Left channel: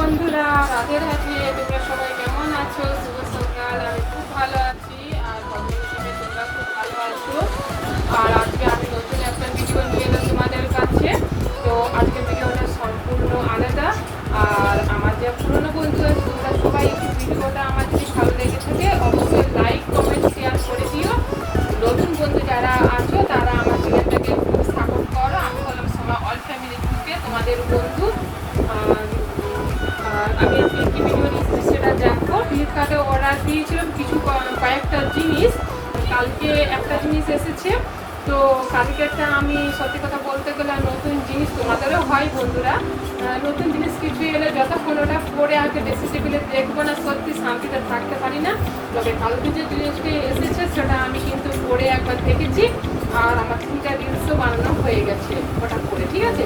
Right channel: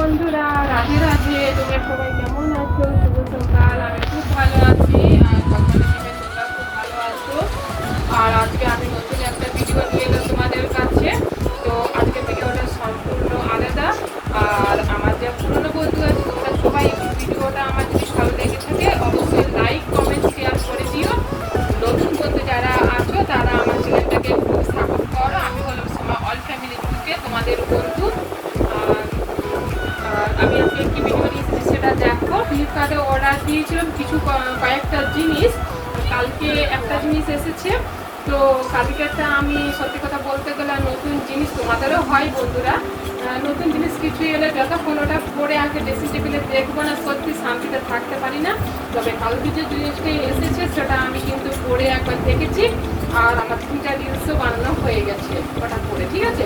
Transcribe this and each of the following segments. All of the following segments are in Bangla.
বন্ধুরা, রাধে রাধে। তোমরা সবাই কেমন আছো? শুভ সকাল। আমি খুব ভালো আছি আর সকলে মিলে তোমরা খুব ভালো আছো। আর আজকে আমি নতুন একটা ভিডিও নিয়ে এলাম তোমাদের কাছে। তো আজকের ভিডিওটা সম্পূর্ণ আলাদা। আর আমার যে পুরোনো বন্ধুরা তোমরা সবাই একটু ভিডিওটা আমার যদি ভালো লেগে থাকে অবশ্যই লাইক কমেন্ট শেয়ার করে দিও। নতুন বন্ধু যারা আছো তারা আমার চ্যানেলটাকে একটু সাপোর্ট করো। আমি হলাম সময় অল ফ্যামিলি থেকে তোমাদের বন্ধু। আমি আজকে একটি ভিডিও দিয়েছি, সেটা দেখো। ফ্লিপকার্টে অর্ডার দিয়েছিলাম কিছু কয়েকটা জিনিস। কালকে একটা জিনিস এসেছে। তো কালকেটা আমি সত্যি কথা বলতে গেলে নতুন জিনিস তোমাদেরও হয় বন্ধুরা। নতুন জিনিস কিছু এলে যতক্ষণ ওটা পরে আগে বেশি টেবিলে দেখবো না সত্যি শান্তিতে থাকতে পারি না। তবে কালকে যে জিনিসটা এসেছে সেটা আমি কিন্তু পরে একবার দেখেছি। আর আমার 3টা রিলসও বানানো হয়ে গেছে ওটা পরে, ঠিক আছে।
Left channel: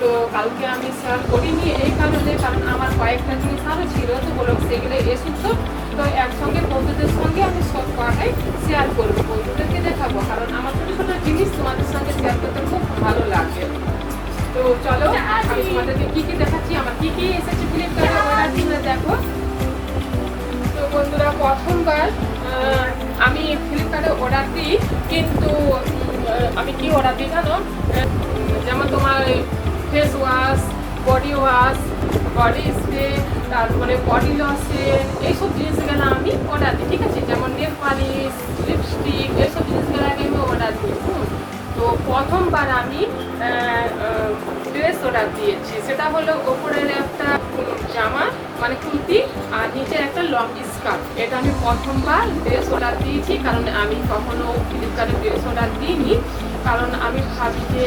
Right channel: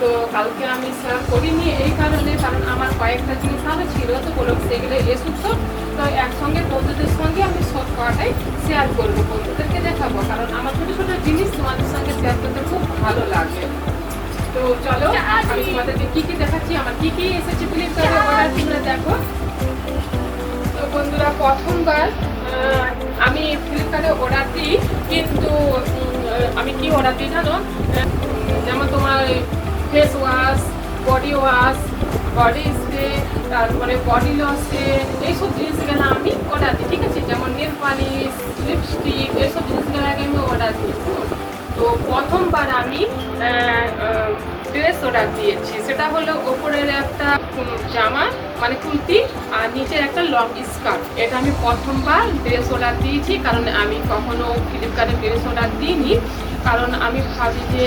তো কালকে আমি শেয়ার করিনি এই কারণে, কারণ আমার কয়েকটা জিনিস আরও ছিল, তো বলো সেগুলো এসেছো। তো একসঙ্গে বন্ধুদের সঙ্গে আমি সব কটাই শেয়ার করবো, বন্ধুদেরকে দেখাবো, কারণ আমার ছোটো ছোটো জিনিস তোমাদের সঙ্গে শেয়ার করতে খুব ভালো লাগে। তো চলো আমি তোমাদেরকে কী কী দেখাচ্ছি, আমার কী কী এসেছে ফ্লিপকার্টে অর্ডার করে দেখো। তো বন্ধুরা, প্রথমবার আমি ফ্লিপকার্টে অর্ডার দিই, কিন্তু আমি কি অর্ডার দিই জানো? যেমন তোমার face wash, body wash, body spray, তারপরে বডি লোশন, এইসব জিনিসগুলো আমি অর্ডার দিই, ঠিক আছে। যেমন নেল পালিশ, লিপস্টিক, এইসব জিনিসগুলো আগে আমি অর্ডার দিই। তো প্রথমবার আমি ড্রেস অর্ডার দিয়েছি। সেটা হলো ওপরের একটা জামা মানে কুর্তি আর নিচের একটা লং স্কার্ট। এটা আমি প্রথমবার ড্রেস অর্ডার দিয়েছি, কারণ আমি কখনো ফ্লিপকার্টে ড্রেস অর্ডার দিইনি। কারণ আমি ভাবি যে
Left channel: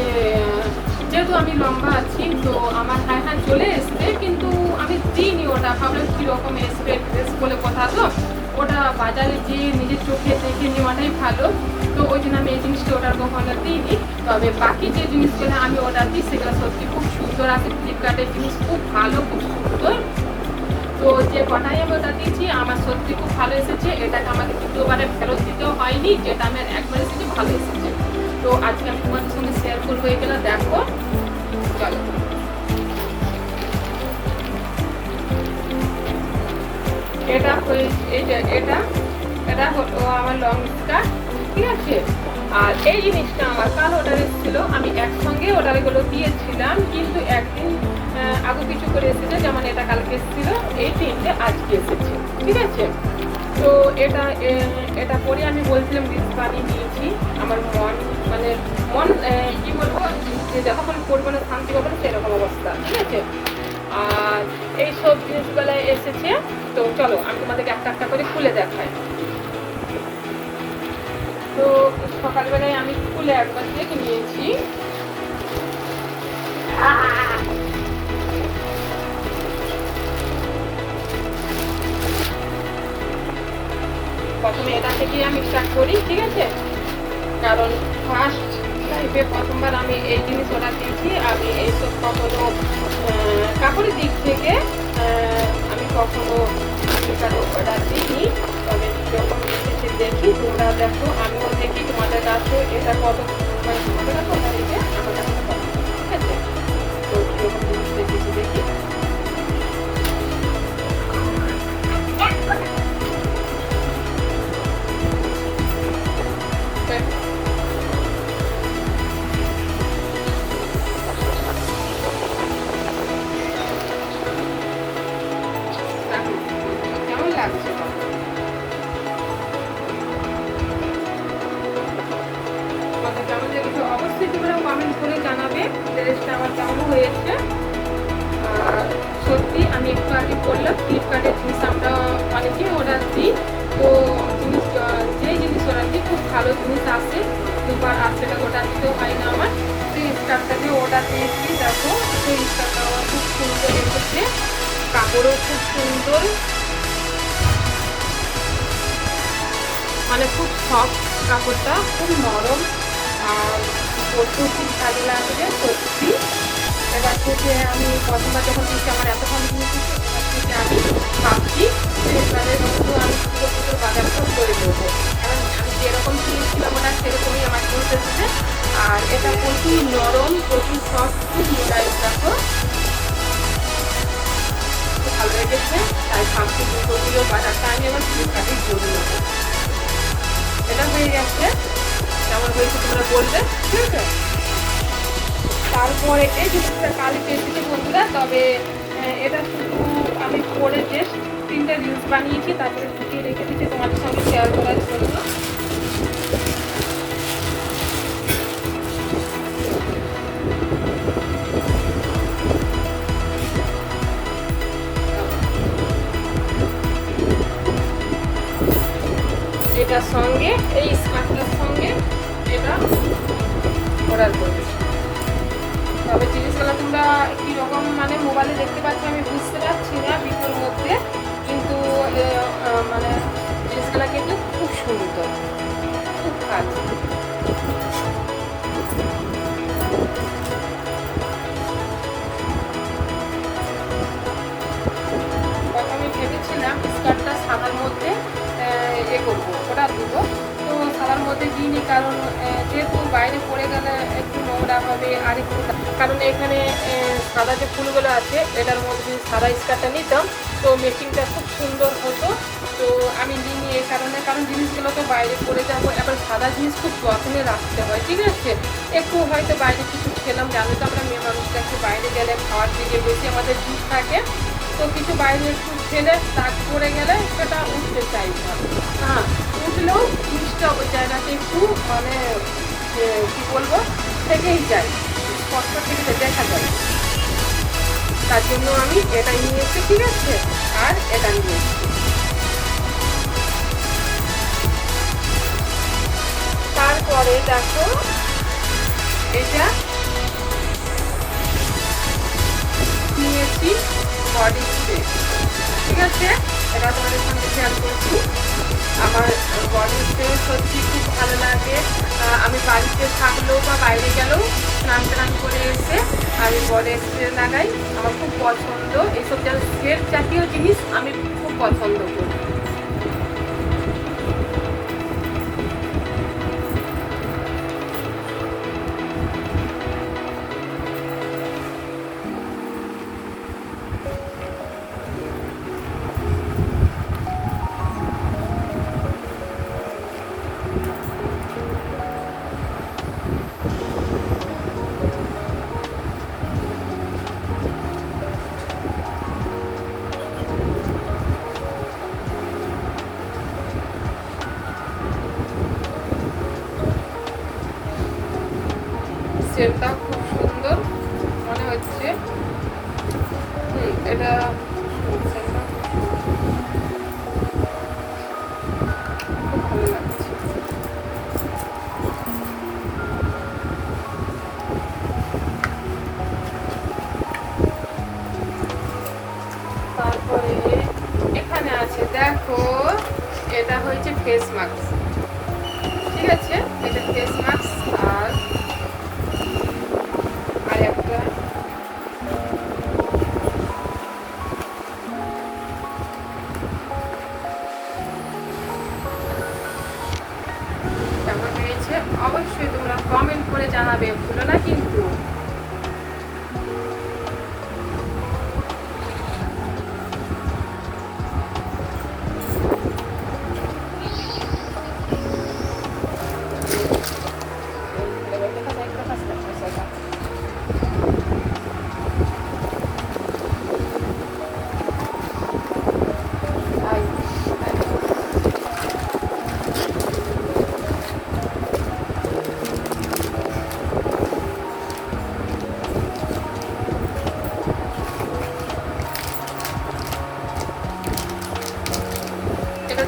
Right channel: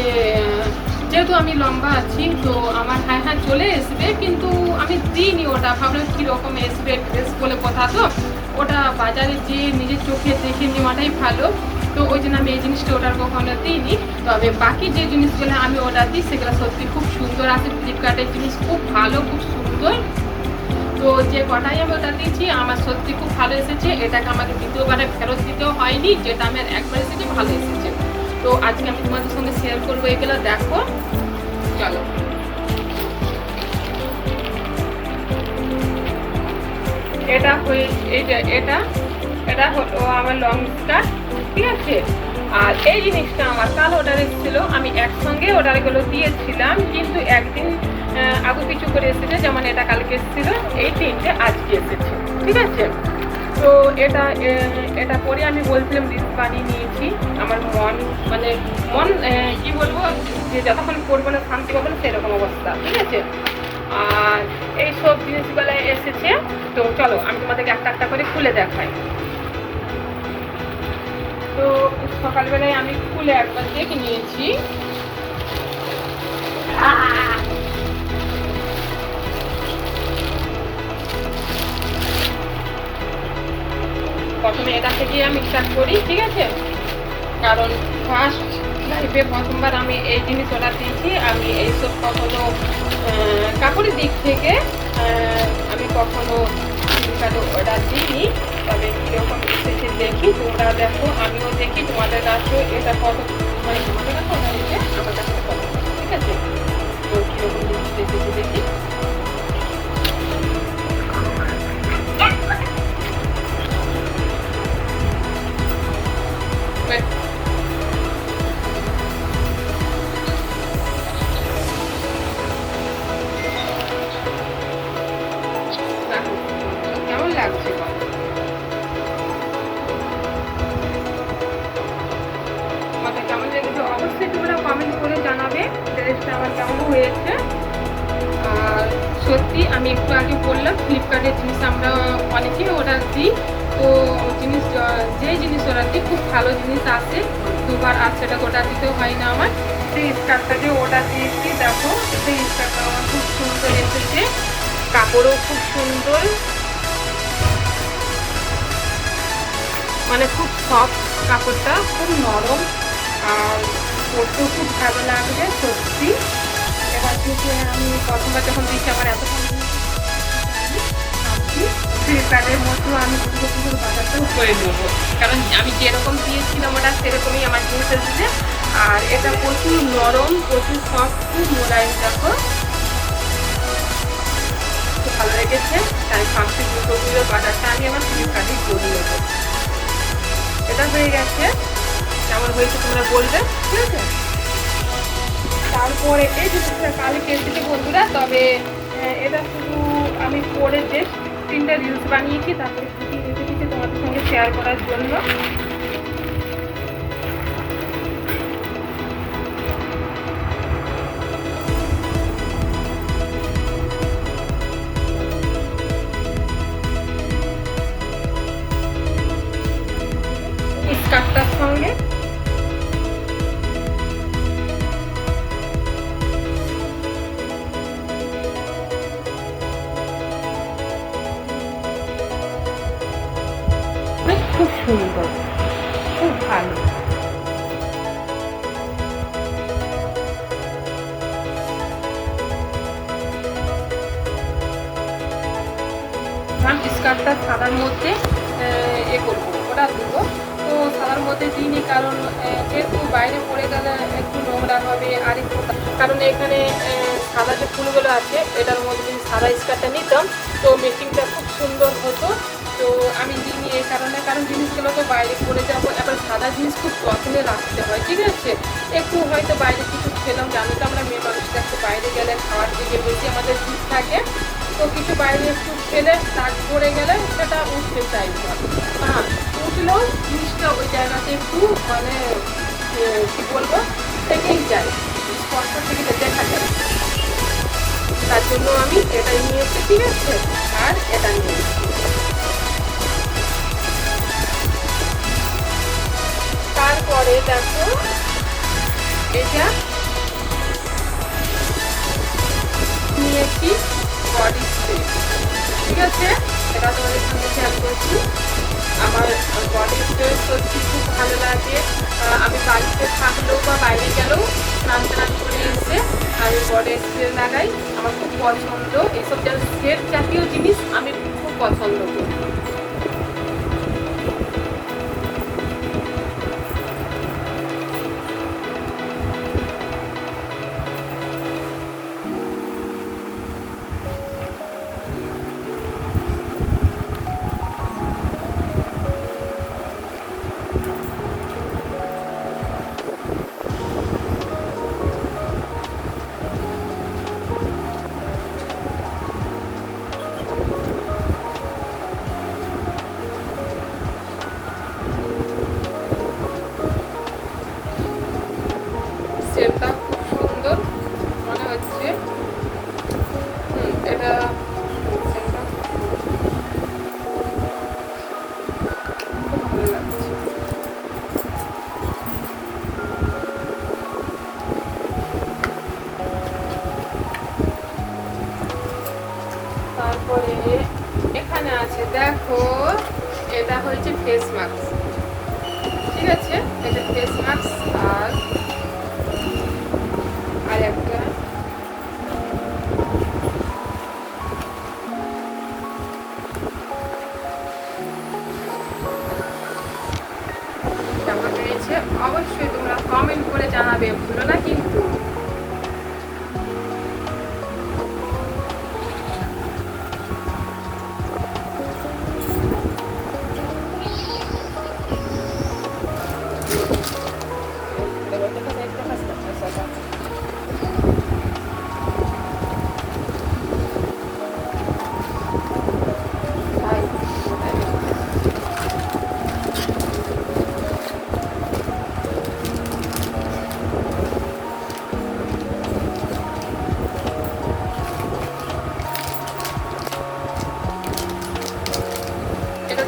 যেহেতু আমি লম্বা আছি তো আমার হ্যাঁ চলে আসবে, কিন্তু আমি দিইনি ওটা। ভাবলাম কীরকম আসবে ড্রেস বলে কথা, তো ওটা বাজারে যেয়ে নিজের চোখে দেখে নেওয়াটাই ভালো। তো ওই জন্য আমি এই জিনিসটা অর্ডার কখনো দিইনি। তবে বাকি যে জিনিসগুলো আমি অর্ডার দিই সেগুলো সত্যি খুব সুন্দর আছে। ফ্লিপকার্টের জিনিস খুব ভালো, খুব সুন্দর। তো যে কটাই আমি অর্ডার দিয়েছি আমার সত্যি খুব ভালো এসেছে। এটাকে আমাকে দ্বিতীয়বারে ফেরত দিতেও হয়নি, যেটা আমার একবার এসেছে ভালো এসেছে। তো আজকে আমি তোমাদের সঙ্গে শেয়ার করবো এগুলো, দেখো চলো। এটা এটা হলো আমার লং স্কার্ট, ঠিক আছে। আর এই জিনিসটা আমার কাল অর্ডার এসেছিল, আমি একসঙ্গে অর্ডারগুলো দিয়েছিলাম, কিন্তু একদিন আগু পিছু করে এসেছে। যেমন এটা কালকে এসেছিল, এই তিনটে আজকে এসেছে, ঠিক আছে। তো এটা পরে আমি বলছিলাম রিলস বানিয়ে নিয়েছি। আমার মন কি বলবো, যে যতক্ষণ করবো না শান্তি পাবো না সেরকম অবস্থা, ঠিক আছে। আর এই সব জিনিসগুলো এসেছে। তো চলো আমি তোমাদেরকে একটা একটা করে খুলে দেখাই। তো সকালবেলায় আমি খুলে একবার দেখে নিয়েছি। প্রথমে এটা থেকে আমি স্টার্ট করি, ঠিক আছে। কারণ ফার্স্ট লাইফে প্রথমবার আমি এই জিনিস অর্ডার দিয়েছি। আমি এইসব কখনো কাপড়ের দিক থেকে আমি কখনো ফ্লিপকার্টে অর্ডার দিইনি। তবে কীরকম এসেছে দেখি, তোমরা দেখো, আমিও দেখি তোমাদের কাছে এটা কত, মানে তোমাদের কাছে অর্ডার এসে আমার কাছে কত, ঠিক আছে। তো কীরকম জিনিস এসেছে দেখি। কেমন লাগছে? তোমাদের কেমন লেগেছে অবশ্যই তোমরা কমেন্ট করে জানাবে। ড্রেসটা আমার কেমন হয়েছে। আর সত্যি আমি একটু আগে বললাম ফ্লিপকার্টের জিনিস আমরা অনেকেই অর্ডার দিই। তো যেই জিনিস অর্ডার দিই খুব ভালো জিনিস আসে। দুবার আর সেটা অর্ডার দিতেও হয় না আমার। সেই স্কার্টটাকে অর্ডার দিয়েছি, দেখো সেই স্কার্টটা আমার খুব সুন্দর এসেছে। কাপড়ও খুব সুন্দর, মানে খুব সফট কাপড়টা, খুব নরম। আর পরতেও খুব ভালো লাগবে সত্যি। এবার থেকে আমি প্রথমবার যখন দিয়েছি আমার এত কম জিনিস আমি ভাবছি ফ্লিপকার্টের মধ্যেও আমি পুজোর বাজারটাও করে নেবো, কারণ আমি যেরকম দিয়েছিলাম ওটা সেরকমই আমার জিনিস এসেছে। আর এটা প্রচুর নরম, প্রচুর সফট, খুব মোলায়েম, দেখো খুব ভালো লেগেছে, তাই ভাবছি দুটোগুলো বাটারটা আমি আমার ফ্লিপকার্টে জড়িয়ে নেবো। এটা হয়ে গেছে, কেমন হয়েছে তোমরা বলবে, ঠিক আছে। তারপরে এই জিনিসটা কালকে এসেছে বন্ধুরা, তবে এটা শুধু আমি পরে জাস্ট 3টা রিলস বানিয়েছি, তারপরে ঢুকিয়ে রেখে দিচ্ছি তোমাদের সঙ্গে শেয়ার করার জন্য। এটার সঙ্গে এই স্কার্টটার সঙ্গে এটা করার জন্য, তবে জিনিসগুলো তোমরা কীরকম মানে মোবাইলে দেখতে পাচ্ছি আমি বুঝতে পারছি না ভিডিওর মধ্যে, কিন্তু মানে জিনিসগুলো কিন্তু খুব সুন্দর, খুব ভালো। আমি ভেবেছিলাম স্কার্টটা সাদার মধ্যে করবো, ওটা দেবো, তো সাদার মধ্যে দিইনি, কারণ যেহেতু বাইরে পড়ে গেলে একটু নোংরা হবে, আর একটু কারণ এখানে সাদা যে ফুলগুলো আছে এটার মধ্যে যদি সাদা স্কার্টটা নিতাম তো মেকিংটা খুব সুন্দর হতো, তো আমি দিইনি এই কারণে, কারণ জিনিসগুলো তো বাইরে পড়ে যাবো, এবার সাদা জিনিস খুব যত্নে রাখতে হয়, ঠিক আছে। একটু হয়তো বাইরে কিছু খেলাম, জানো তো আমরা মেয়ে মানুষটা একটু বাইরে গেলে খাওয়ার দিকে বেশি আমাদের দিক থাকে, তো কিছু বাইরে একটু খেলে দাগ পড়ে গেলে সেটা উঠতে চাই না, হ্যাঁ উঠলেও জিনিসটা ওই জায়গাতে একটু মানে কী বলবো থেকেই যায়, স্পষ্ট থেকে দেখা যায়, তার জন্য আমি এটাই নিয়েছি, ঠিক আছে, আর এটা নিয়েছি। তারপরে দেখো এটা নিয়েছি বডি স্প্রে, ঠিক আছে, এটা তোমাদের সঙ্গে শেয়ার করছি। আমার বডি স্প্রে সত্যি খুব ভালো লাগে, আমি বাড়িতে থাকলেও বা বাইরে গেলেও স্নান টান করে এসে আমি বডি স্প্রে লাগাই, আমার খুব পছন্দ, এইসব সেট জাতীয় জিনিস আমি খুব পছন্দ করি। সেলটা খুব সুন্দর মনে হচ্ছে, এটা খুব ভালো লাগছে। তারপরে এখানে আছে দেখো, এটা হচ্ছে ফেস মাস্ক, ঠিক আছে, এটা ফেস মাস্ক, আর একটা কেমন হয়েছে অবশ্যই তোমরা কমেন্ট করে জানাবে, ভুলো না কিন্তু।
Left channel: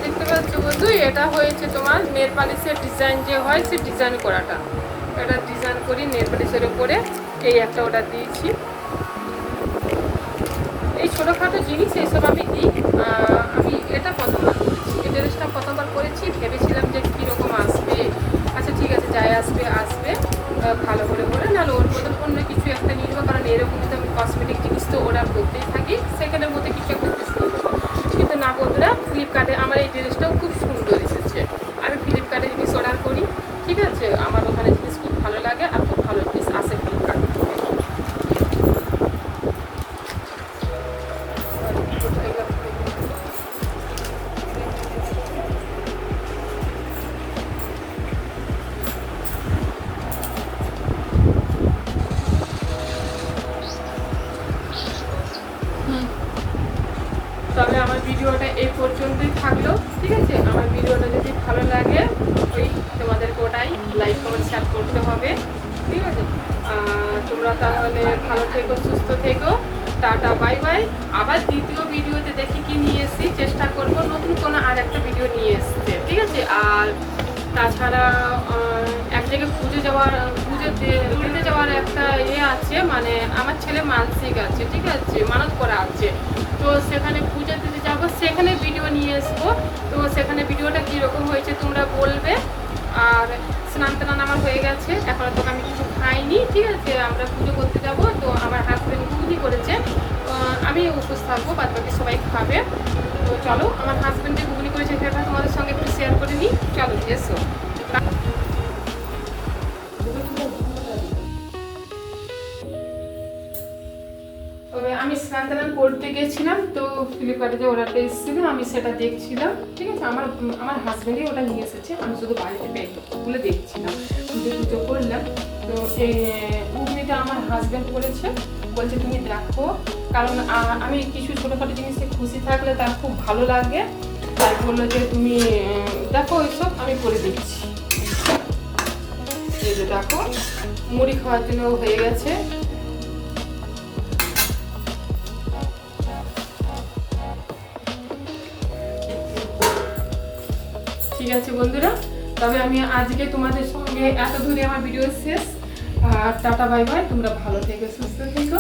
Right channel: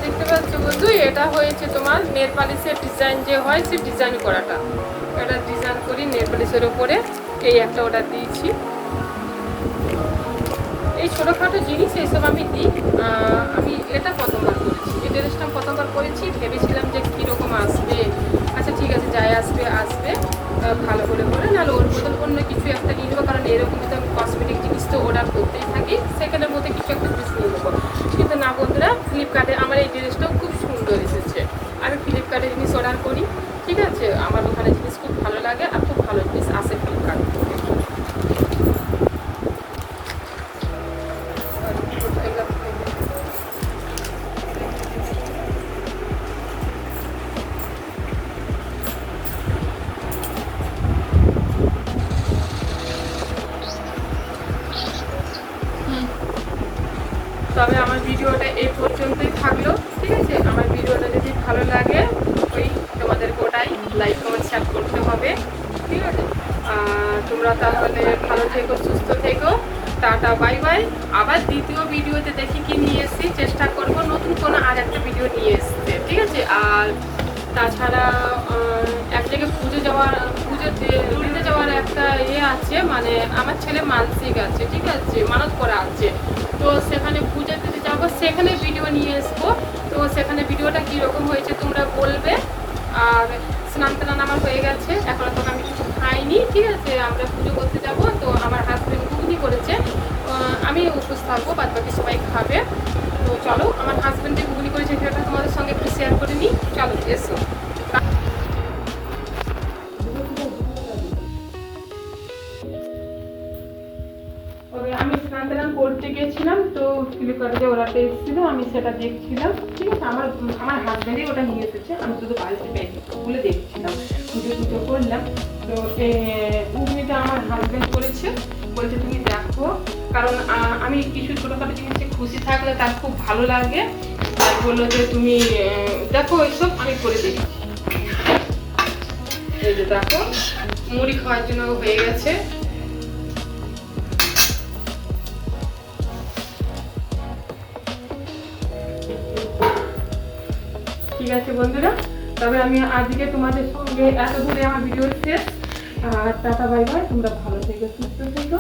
দেখতে পাচ্ছ বন্ধু, এটা হয়েছে তোমার নেল পালিশের ডিজাইন যে হয় সে ডিজাইন করাটা, এটা ডিজাইন করি নেল পালিশের উপরে, এই একটা অর্ডার দিয়েছি। এই ছোটোখাটো জিনিস এইসব আমি দিই, আমি এটা প্রথমবার করেছি, এই জিনিসটা প্রথমবার করেছি, ভেবেছিলাম যে কীরকম আসবে, আচ্ছা ঠিক আছে যাই আসবে আসবে, ভালো করে নাহলে ওর বদল অন্য কিছু একটা নিয়ে নেবো, কারণ এরকম তো আমি কসমেটিক জিনিস তো অর্ডার করতেই থাকি, সেখানের মধ্যে কিছু একটা জিনিস নিয়ে নেবো, কিন্তু না বন্ধুরা ফ্লিপকার্টে আমার এই ড্রেসটাও খুব সুন্দর এসেছে, আমি ফ্লিপকার্টে জিনিস অর্ডার করি, ঠিক আছে, আমার ওখানে জিনিস খুব ভালো লাগে আর খুব ভালো জিনিস আসে ফ্লিপকার্ট থেকে। তবে আমার ভিডিওটা এই পর্যন্তই থাকলো, ঠিক আছে? আমার ভিডিওটা যদি ভালো লাগে ওই তোমাদেরকে ওটাই লাইক কমেন্ট শেয়ার করতে হবে, ঠিক আছে? তোমরা তাহলে ভালো থেকো, সুস্থ থেকো, টাটা বাই বাই। আবার দ্বিতীয় ভিডিওতে দেখি কি নিয়ে এসেছি, চেষ্টা করব নতুন কোনো আর একটা ভিডিও নিয়ে এসছে, ঠিক আছে? আর তাছাড়া এক জায়গায় পুজো দিতে যাওয়ার একটা আছে, মানে আমার ছেলে মানসিক আছে, ঠিক আছে, মানত করা আছে, তো সেখানে পুজো দিতে যাবো, সেখানে ভিডিও নিয়ে আসবো। তো সেখানে ভিডিওটা কীরকম হয়েছে তোমরা বলবে। আর স্নান টান আমার হয়ে গেছে, এখনো তো আমি কিছু খাইনি, ঠিক আছে? আমরা পুজো করতে যাবো, তো আমার হাজব্যান্ড ঘুগনি করেছে, আমি উপোস থাকবো, বাদ বাকি সবাই খাবে। তো চলো, আমার হাজব্যান্ড যে ঘুগনি করেছে সেটা তোমাদের সঙ্গে একটু শেয়ার করে নিই, চলো এসো। আমি স্নান টান করতে গেছিলাম, তো ফ্লিপকার্টে যে অর্ডারটা এসেছিল আমি সেটা দেখছিলাম, ঠিক আছে? আমার হাজব্যান্ডই ওটা নিয়ে এসেছে, আমি শুধু বাড়িতে খুলে দেখছিলাম, পুজো করলাম। তো ঘুগনিটা আমার হাজব্যান্ড করেছে, বলছে তুমি দেখো, কারণ আমি কিছু ছোটোখাটো জিনিসে খুশি থাকলে তার খুব ভালো লাগে, তাই বললো যে তুমি দেখো এইসব আমি করে দেখছি। এই যে দেখো, মুড়ি খাওয়ার জন্য হয়ে গেছে। ঠিক আছে বন্ধুরা, তবে আমি আজকে তোমাদের সঙ্গে এত দূরে আমার ভিডিও শেষ। টাটা বাই বাই, তোমরা ভালো থেকো, সুস্থ থেকো।